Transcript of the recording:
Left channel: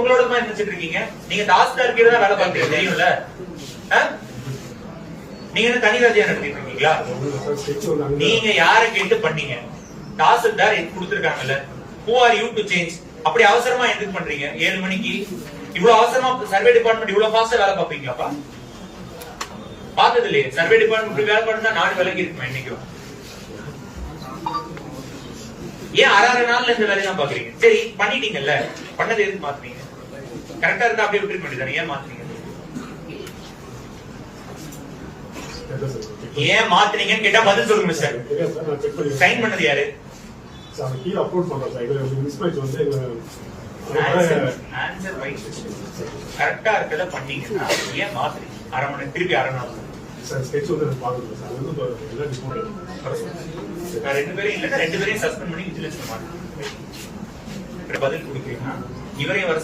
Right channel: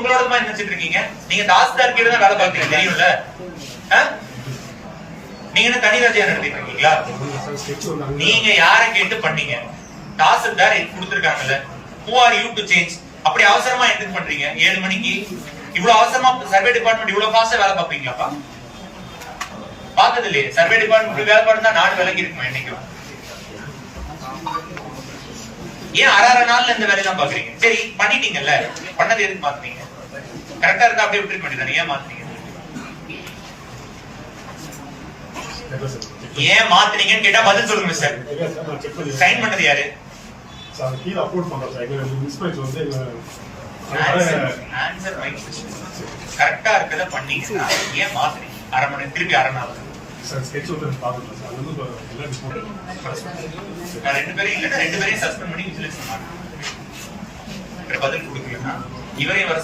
உங்களோட தான் நினைச்சிட்டு இருக்கீங்க. நீங்க தாசில்தார் கீழ தான் வேலை பாக்குறீங்க தெரியும்ல. நீங்க என்ன தனி ராஜ்யா நடத்திட்டு இருக்கீங்களா? நீங்க யாரை கேட்டு பண்ணீங்க? Tahsildar கொடுத்திருக்காங்கல்ல. Who are you to change? அப்படி அவசரமா எதுக்கு பண்றீங்க? 7 மணிக்கு இவ்வளவு அவசரமா சர்வே டிபார்ட்மெண்ட் இவ்வளவு ஃபாஸ்டா வேலை பாப்பீங்களாப்பா? பார்த்தது இல்லையே. சர்வே டிபார்ட்மெண்ட் வேலை பண்ணா நாடு விலகி இருக்குமா இன்னைக்கு? ஏன் அரை நாள்ல இந்த வேலையை தான் பாக்குறீங்க? சரி பண்ணிட்டீங்கல்ல, பண்ணது எதுக்கு மாத்துறீங்க? கரெக்டா இருந்தா அப்படியே விட்டுருக்க வேண்டியதானே, ஏன் மாத்துறீங்க? ஏன் மாத்துறீங்கன்னு கேட்டா பதில் சொல்லுங்க சார். சைன் பண்ணது யாரு? கரெக்டா இருக்கத பண்ணீங்கன்னா ஏன் மாத்துறீங்க? அரை மணி திருப்பி அரை நாள் ரெண்டு பேரும் இல்லன்னா 2 பேரையும் சஸ்பெண்ட் பண்ணி விஜிலன்ஸ் பண்ணாங்க. பதில் கொடுக்கலன்னா இவரையும் வர